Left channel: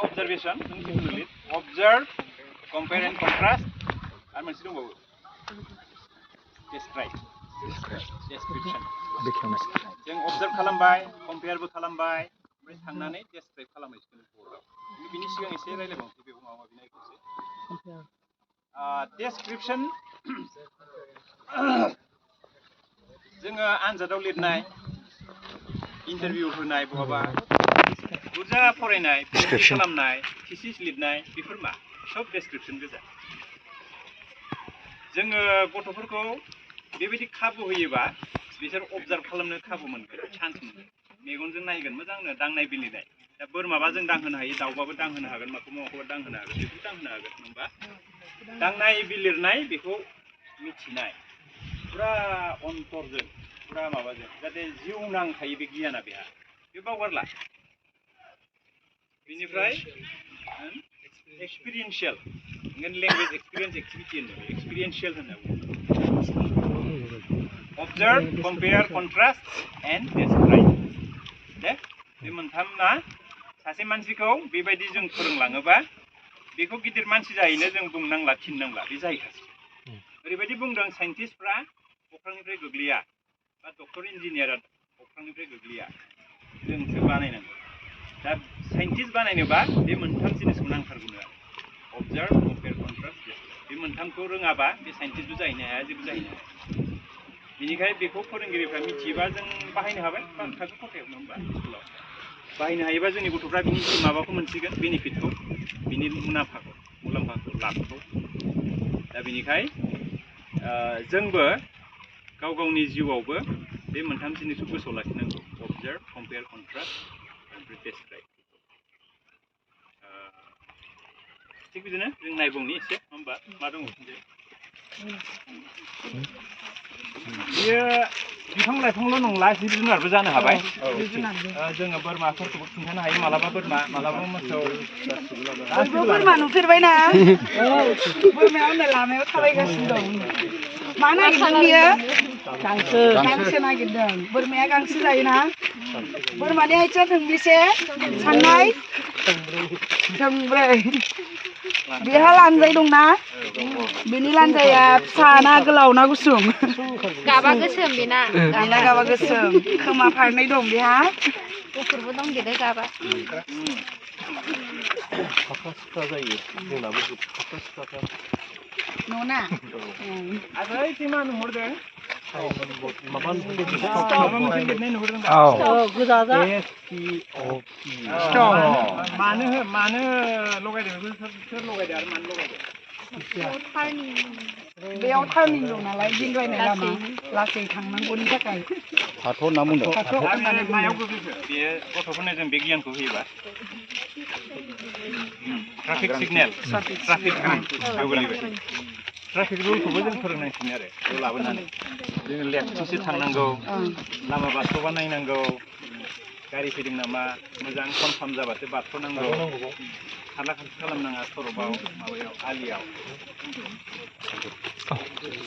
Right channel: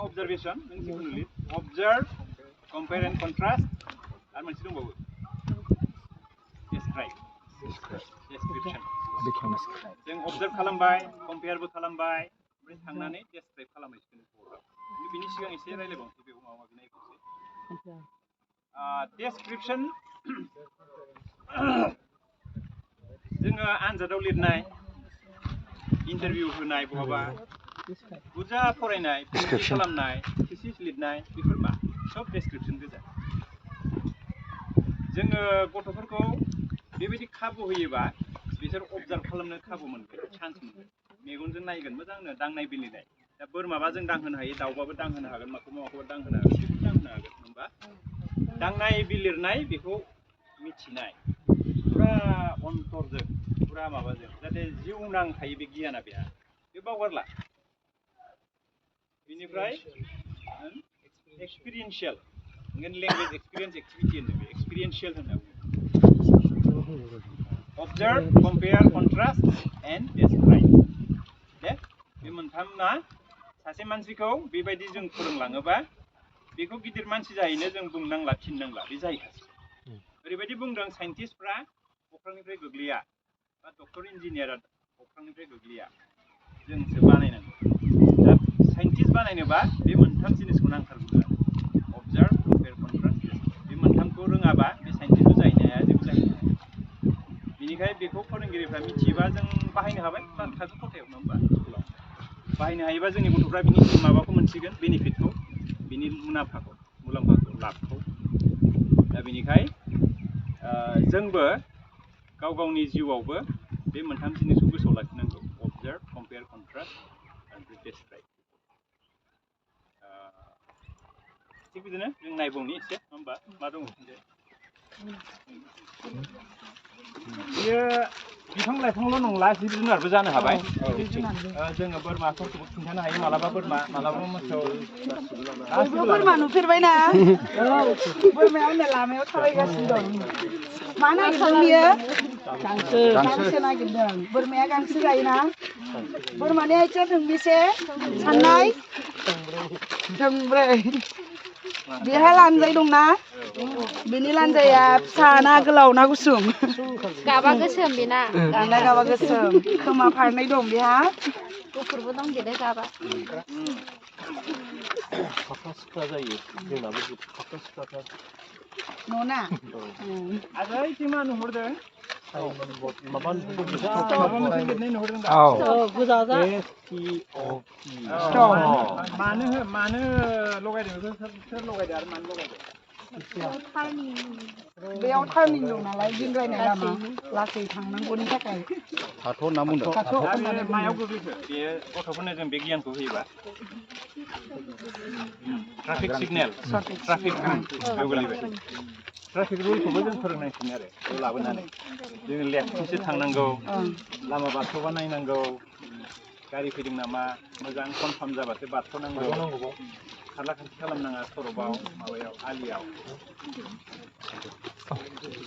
Observation, observe, compare and contrast. Are masih dong bagus? Describe, description. Yang observe खालामबाय, compare बो खालामबाय, ओमफ्राय थांनानै describe खालामहैसिगोन बोर्डआव. बिनि सिगां एसे रायलायबावनोसै बेखौ माबा माबि नायबावनोसै. Description. जोङो आनजादाव लिरनाय, इन्टारभिउ होनाय बहाबा, बुरजा फरायनाय, PhD खालामनाय, thesis लिरनाय, बेफोर मा? सब description गोजा. जोङो गथ'फोरखौ बेबायदि खाबु होयोबा बिसोर observe खालामनो खाबु मोनगोन, चान्स मोनगोन. मेगनजों नायगोन मोजांनो दांनाय बिलिरनाय. दा बोरमाबा जों दांहोनो हायो, दाउबाबो दांहोनो हागोन, माखौबा दांहोनो हागोन, बेखौ दांहोनो हागोन, नङा? दांनाय बिलिरनाय बेखौ मिथिनाय. पुरा अन्तरजों, पुरा माबाजों, जाहाथे जिउ नांखायो बे गियाना बेहा. बे बावगारला. बेनिफ्राय एक्सपिरियेन्शियेल. Language experience activity होनो, experiential होनो. Observe, compare, contrast, and describe. दे, बे मोनथामना सासे मानसिखौ बेबायदि जों फोरोंलाङोबा बेखौ गिदिर मानसि जाहैनो जों बुंनांला, थिननांला, बे जाहैखासिगोन. ओरैबायदि बुंदों साइन्टिस्टफ्रा अख्रांनिफ्राय गोग्लैया, बा डक्टर इन्जिनियारा अख्रांनिफ्राय गोग्लैया, जोंसो बानायनांगौ. दा साइन्टिस्ट बानायनोबा बे मोनथाम जिनिसखौ नांथारगौ आरो. Observe, compare, contrast, describe. बे मोनथामखौ रोङाबा बे साइन्टिस्टबो जाहैनो हाया, जेबो जाहैनो हाया. बेनिखायनो बेखौ फोरोंगिरिफ्रा मिथियोबा जों बाहायनो हाबाय, थाखो खथायाव नङा होमबा स्कुलाव. बाहायनो हायोबा जोंनि गथ'फ्रा बिनि माबाखौ मोनसिगोन, बेनिफिटखौ, बिनि मुलाम्फाखौ, लाबखौ. दा बेनिखाय जोंबो गाव गावनि जिउआवबो बे मोनथाम जिनिसखौ गोसोआव लाखिनांगौ. Observe, compare, contrast, and describe. थिग बिदिनो जों नायबावनि एसे, नङा होमबा? मा दङ? बेयो बिफां लाइफांल' नंला, जिब जुनारबो जानो हाबाय. जोङो बोरमाफोरखौबो खिन्थानो हायो, मालाबा बोरमा, मालाबा मोसौ. बयबो बोरमा नुफेरबायना? बोरमाया हनै लामायाव थाबायगासिनो दं. मा नागिरदों बियो? गांसो नागिरदों. बोरमाया गांसो जायोना? बोरमानि आथिङा थोंबेसे? साननाय? थोंब्रै. बेहा लानजाय दंना? बेनि लानजाया फिसा ना गोलाव ना गुसुं? गाबा गोसोम बेना. बेना गाबा गोसोम. खोमा फारनै दं बेहा? गुफुरबो दं गेदे गाबा. फाख्रा-सिख्रा जायो. जोंनाबो फाख्रा-सिख्राथार. न'ना? आगै मा नुहरदों? माबा माबा मोनसे लिरनाय नुहरदों दा? गोजा जा. मानो लगायदों बेखौ सोर लगायदों आरो मानो लगायदों? बेयाव टार्निं दं नालाय, दिंग्रायनाय लामा, लासै थांनांगौनि थाखाय. फाथ' होनना बुंदों. मायाव गोग्लैखो? बेयो गथ'फोरनो जों बे गियानखौ होयोबा? ट्राफिक सिगनेल, ट्राफिक रुल बेयाव गोलैबाय. ट्राफिक रुलखौबो जों फोरोंनांसिगोन आरो बेयाव लाबोनानै. जोङो लेफ्टथिंसो थांनांगौ, लामा बारस'बा नायनांगौ, गारि फैदों नामा, मोजां कनफार्म जाबासो बारस'नांगौ, खारला खारसि खालामनाङा सर'कआव, माबायाव, आलियाव.